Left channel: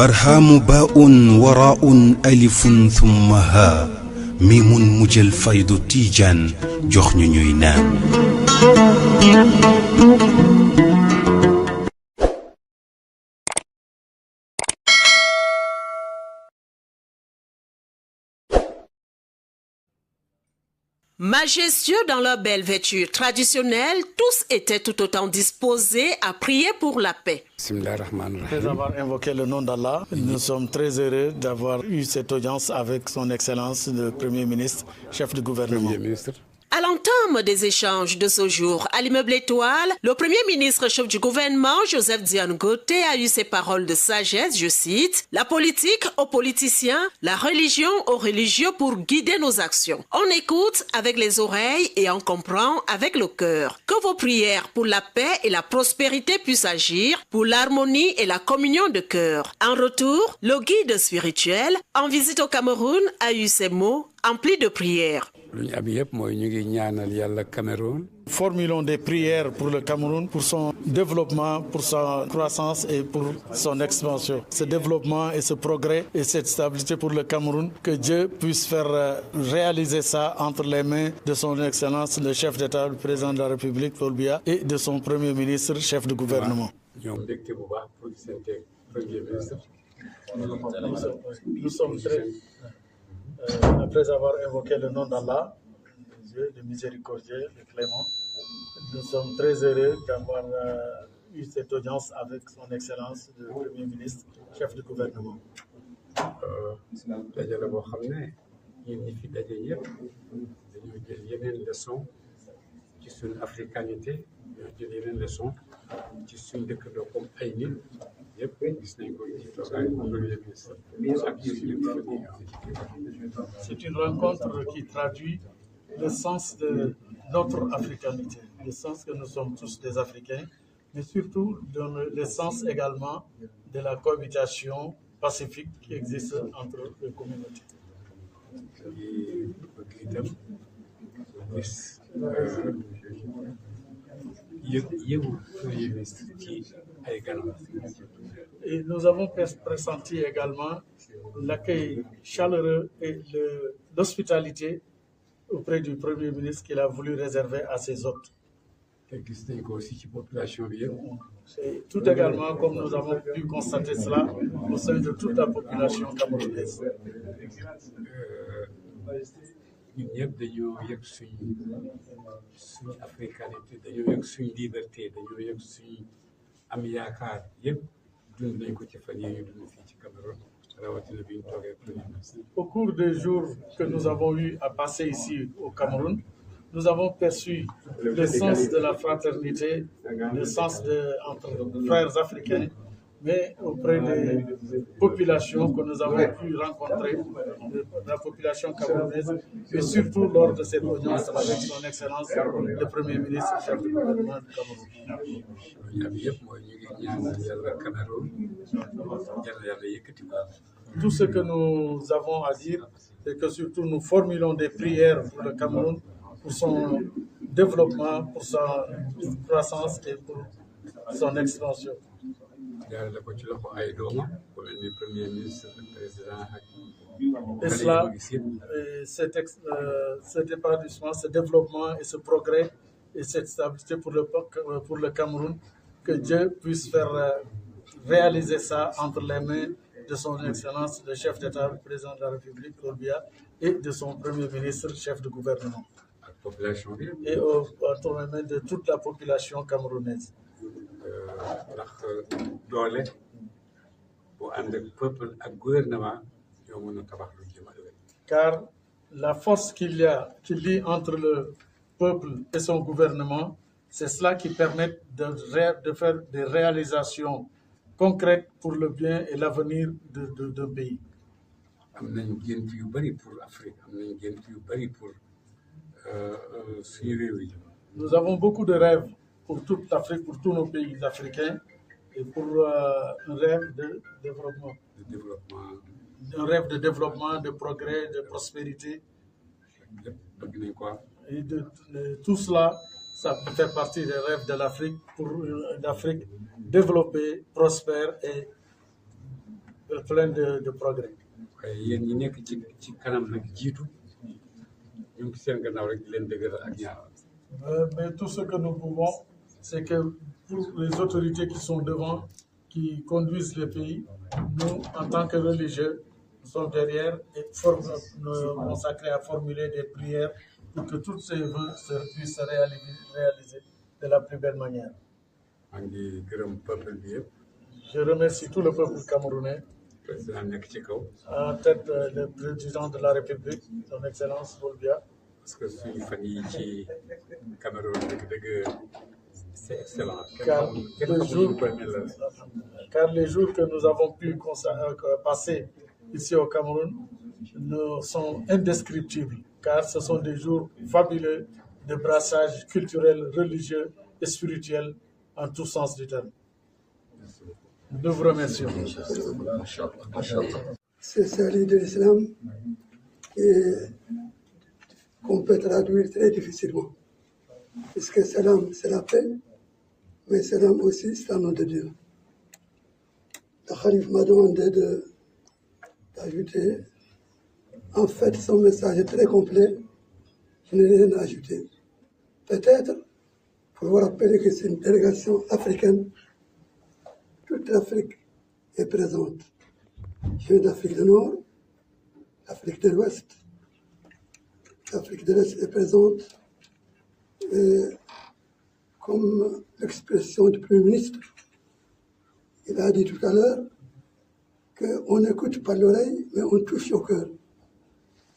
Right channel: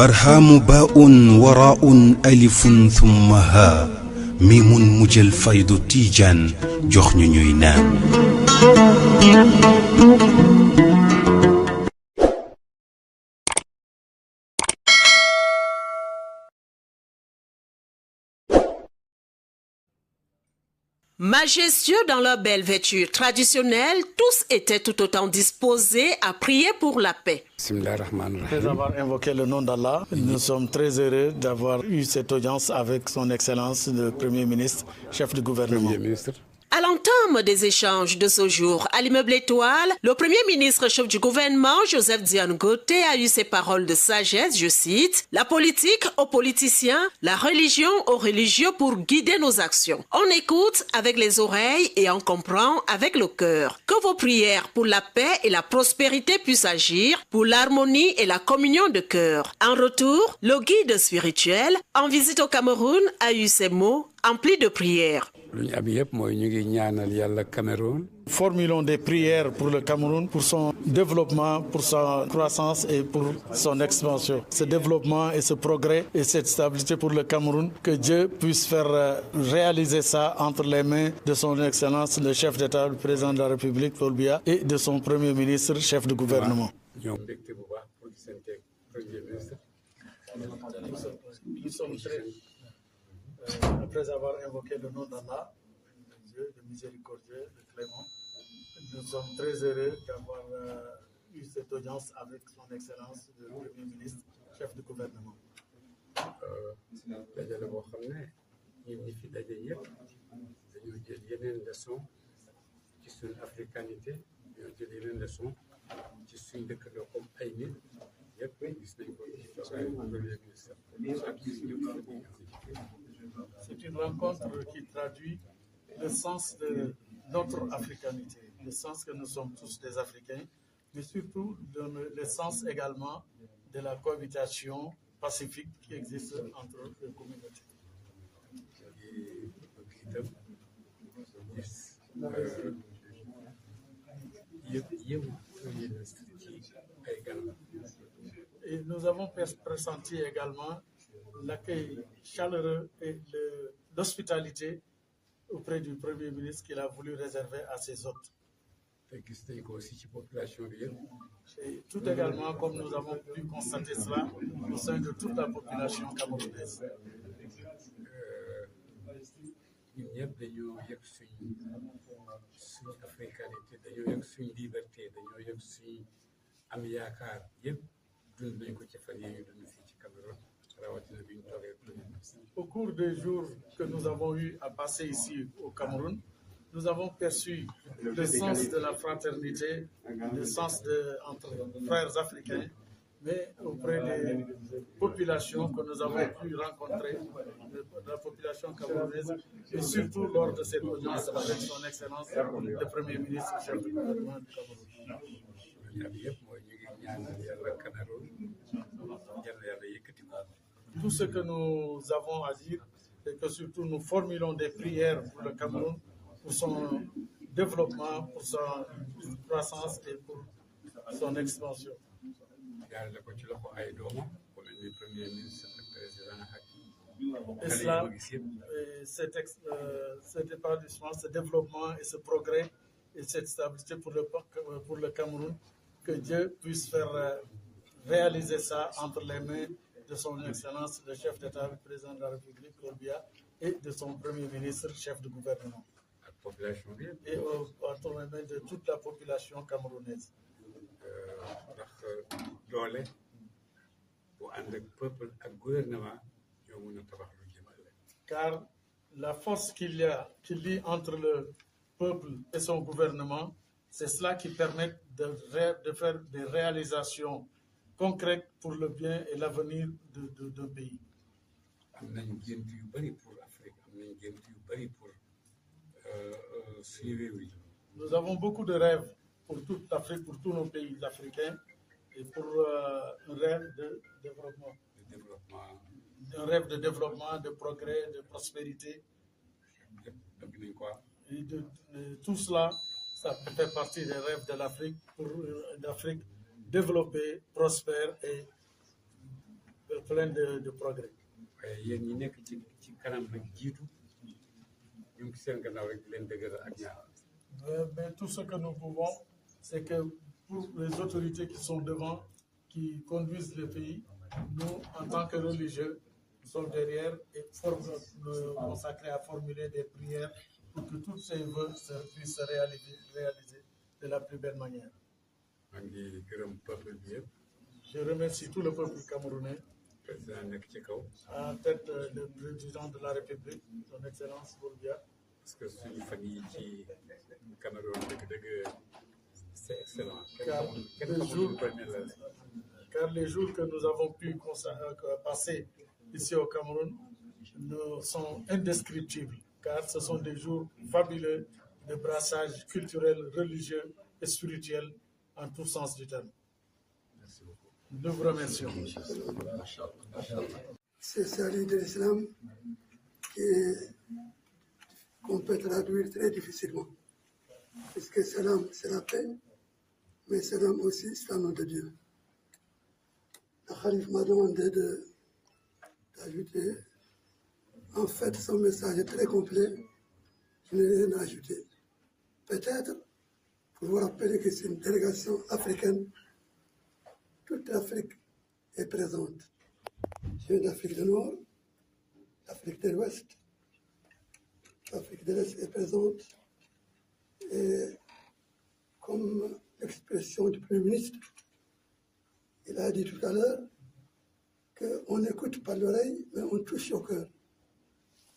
برهام باء وراء ألف ثم ها ميم مجل فيض تيجان جخن نينان. Majestueux dans leur belle vêture traditionnelle, tous étaient tout autant disposés à prier pour la paix. Après avoir invoqué le nom d'Allah, nous sommes très heureux d'avoir eu cette audience avec son Excellence le Premier ministre, chef du gouvernement. À l'entame des échanges de ce jour à l'immeuble Étoile, le Premier ministre chef du gouvernement, Joseph Diane Gauthier, a eu ces paroles de sagesse, je cite, « La politique aux politiciens, la religion aux religieux pour guider nos actions. On écoute avec les oreilles et on comprend avec le cœur. Que vos prières pour la paix et la prospérité puissent agir, pour l'harmonie et la communion de cœur. » En retour, le guide spirituel, en visite au Cameroun, a eu ces mots emplis de prières. Formulons des prières pour le Cameroun, pour son développement, pour sa croissance et pour son expansion. Ce développement et ce progrès et cette stabilité pour le Cameroun, que Dieu puisse faire réaliser ça entre les mains de son Excellence, le chef d'État, le président de la République, Paul Biya, et de son Premier ministre, chef de gouvernement. Nous sommes très... après avoir invoqué le nom d'Allah, Dieu, le miséricordieux, le clément, nous sommes très heureux d'avoir eu cette audience avec son Excellence, le Premier ministre, chef du gouvernement. C'est une rencontre qui traduit le sens de notre africanité, le sens que nous sommes tous des Africains, mais surtout le sens également de la cohabitation pacifique qui existe entre les communautés. Et nous avons pressenti également l'accueil chaleureux et l'hospitalité auprès du Premier ministre qu'il a voulu réserver à ses hôtes. Et tout également, comme nous avons pu constater cela, au sein de toute la population camerounaise. Au cours des jours que nous avons eu à passer ici au Cameroun, nous avons perçu le sens de la fraternité, le sens entre frères africains, mais auprès des populations que nous avons pu rencontrer, la population camerounaise, et surtout lors de cette audience avec son Excellence, le Premier ministre, chef du gouvernement du Cameroun. Tout ce que nous avons à dire, c'est que surtout nous formulons des prières pour le Cameroun, pour son développement, pour sa croissance et pour son expansion. Et cela, cet épanouissement, ce développement et ce progrès et cette stabilité pour le Cameroun, que Dieu puisse faire réaliser ça entre les mains de son Excellence, le chef d'État, le président de la République, Paul Biya, et de son Premier ministre, chef de gouvernement. Et entre les mains de toute la population camerounaise. Car la force qu'il lie entre le peuple et son gouvernement, c'est cela qui permet de faire des réalisations concrètes pour le bien et l'avenir d'un pays. Nous avons beaucoup de rêves pour toute l'Afrique, pour tous nos pays africains, et pour un rêve de développement. Un rêve de développement, de progrès, de prospérité. Et tout cela, ça fait partie des rêves de l'Afrique, pour une Afrique développée, prospère et plein de progrès. Mais tout ce que nous pouvons, c'est que pour les autorités qui sont devant, qui conduisent le pays, nous, en tant que religieux, nous sommes derrière et nous consacrés à formuler des prières pour que tous ces vœux puissent se réaliser de la plus belle manière. Je remercie tout le peuple camerounais, en tête le président de la République, son Excellence Bolbia. Parce que Cameroun, c'est excellent. Car les jours que nous avons pu passer ici au Cameroun sont indescriptibles, car ce sont des jours fabuleux de brassage culturel, religieux et spirituel en tout sens du terme. Nous vous remercions. C'est salut de l'islam qu'on peut traduire très difficilement. Puisque salam, c'est la paix, mais salam aussi, c'est le nom de Dieu. Le Khalif m'a demandé d'ajouter. En fait, son message est très complet. Je n'ai rien à ajouter. Peut-être pour vous rappeler que c'est une délégation africaine. Toute l'Afrique est présente. Je viens d'Afrique du Nord, l'Afrique de l'Ouest. L'Afrique de l'Est est présente. Et comme l'expression du Premier ministre, il a dit tout à l'heure qu'on n'écoute pas l'oreille, mais on touche au cœur.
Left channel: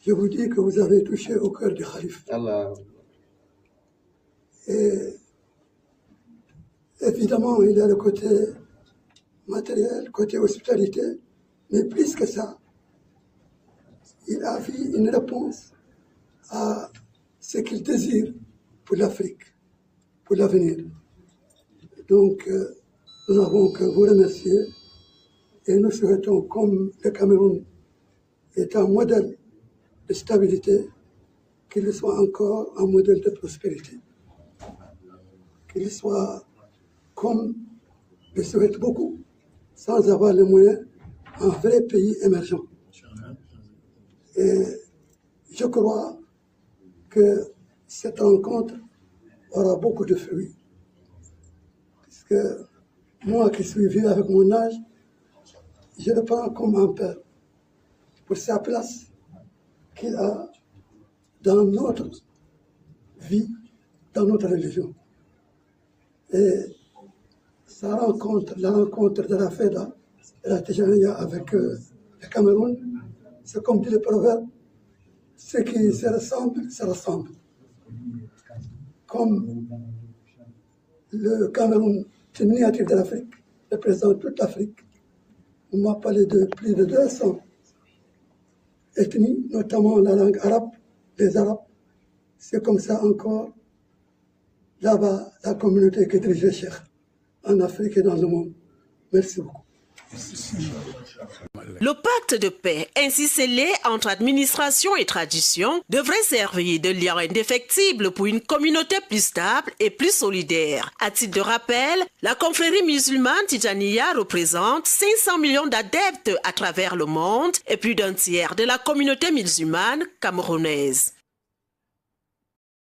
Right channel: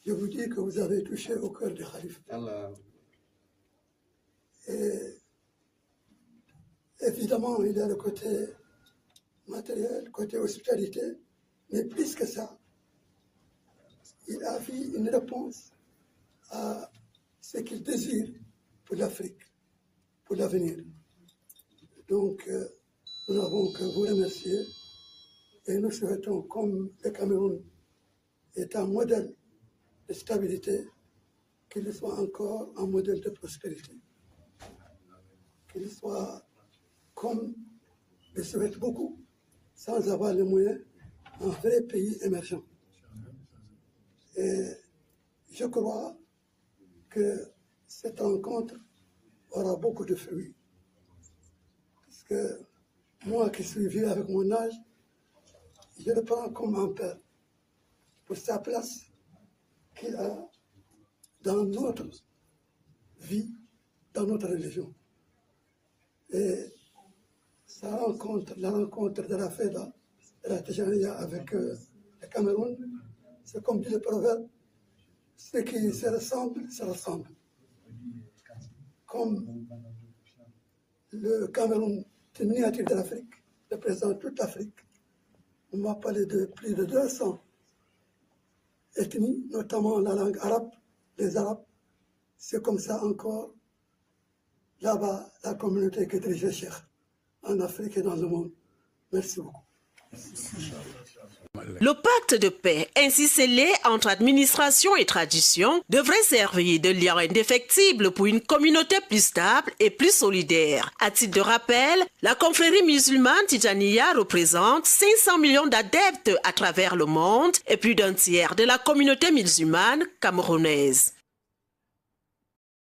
Je vous dis que vous avez touché au cœur du Khalif. Et évidemment, il y a le côté matériel, côté hospitalité, mais plus que ça, il a vu une réponse à ce qu'il désire pour l'Afrique, pour l'avenir. Donc, nous n'avons que vous remercier et nous souhaitons, comme le Cameroun est un modèle de stabilité, qu'il soit encore un modèle de prospérité. Qu'il soit, comme je souhaite beaucoup, sans avoir les moyens, un vrai pays émergent. Et je crois que cette rencontre aura beaucoup de fruits. Parce que moi qui suis vieux avec mon âge, je le prends comme un père pour sa place qu'il a dans notre vie, dans notre religion. Et sa rencontre, la rencontre de la FEDA et la Tijaniya avec le Cameroun, c'est comme dit le proverbe, ce qui se ressemble, se ressemble. Comme le Cameroun, c'est une miniature de l'Afrique, représente toute l'Afrique. On m'a parlé de plus de 200 ethnies, notamment la langue arabe, les Arabes. C'est comme ça encore, là-bas, la communauté que dirige le Cheikh, en Afrique et dans le monde. Merci beaucoup. Le pacte de paix, ainsi scellé entre administration et tradition, devrait servir de lien indéfectible pour une communauté plus stable et plus solidaire. À titre de rappel, la confrérie musulmane Tijaniya représente 500 millions d'adeptes à travers le monde et plus d'un tiers de la communauté musulmane camerounaise.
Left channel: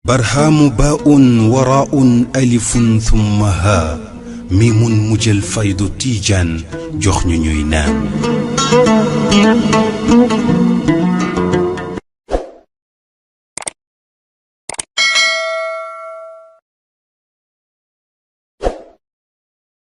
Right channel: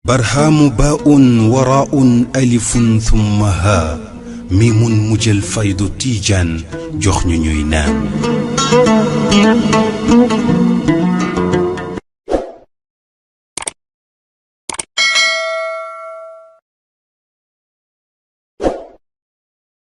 برهام باء وراء ألف ثم ها ميم مجل فيض تيجان جخن نينان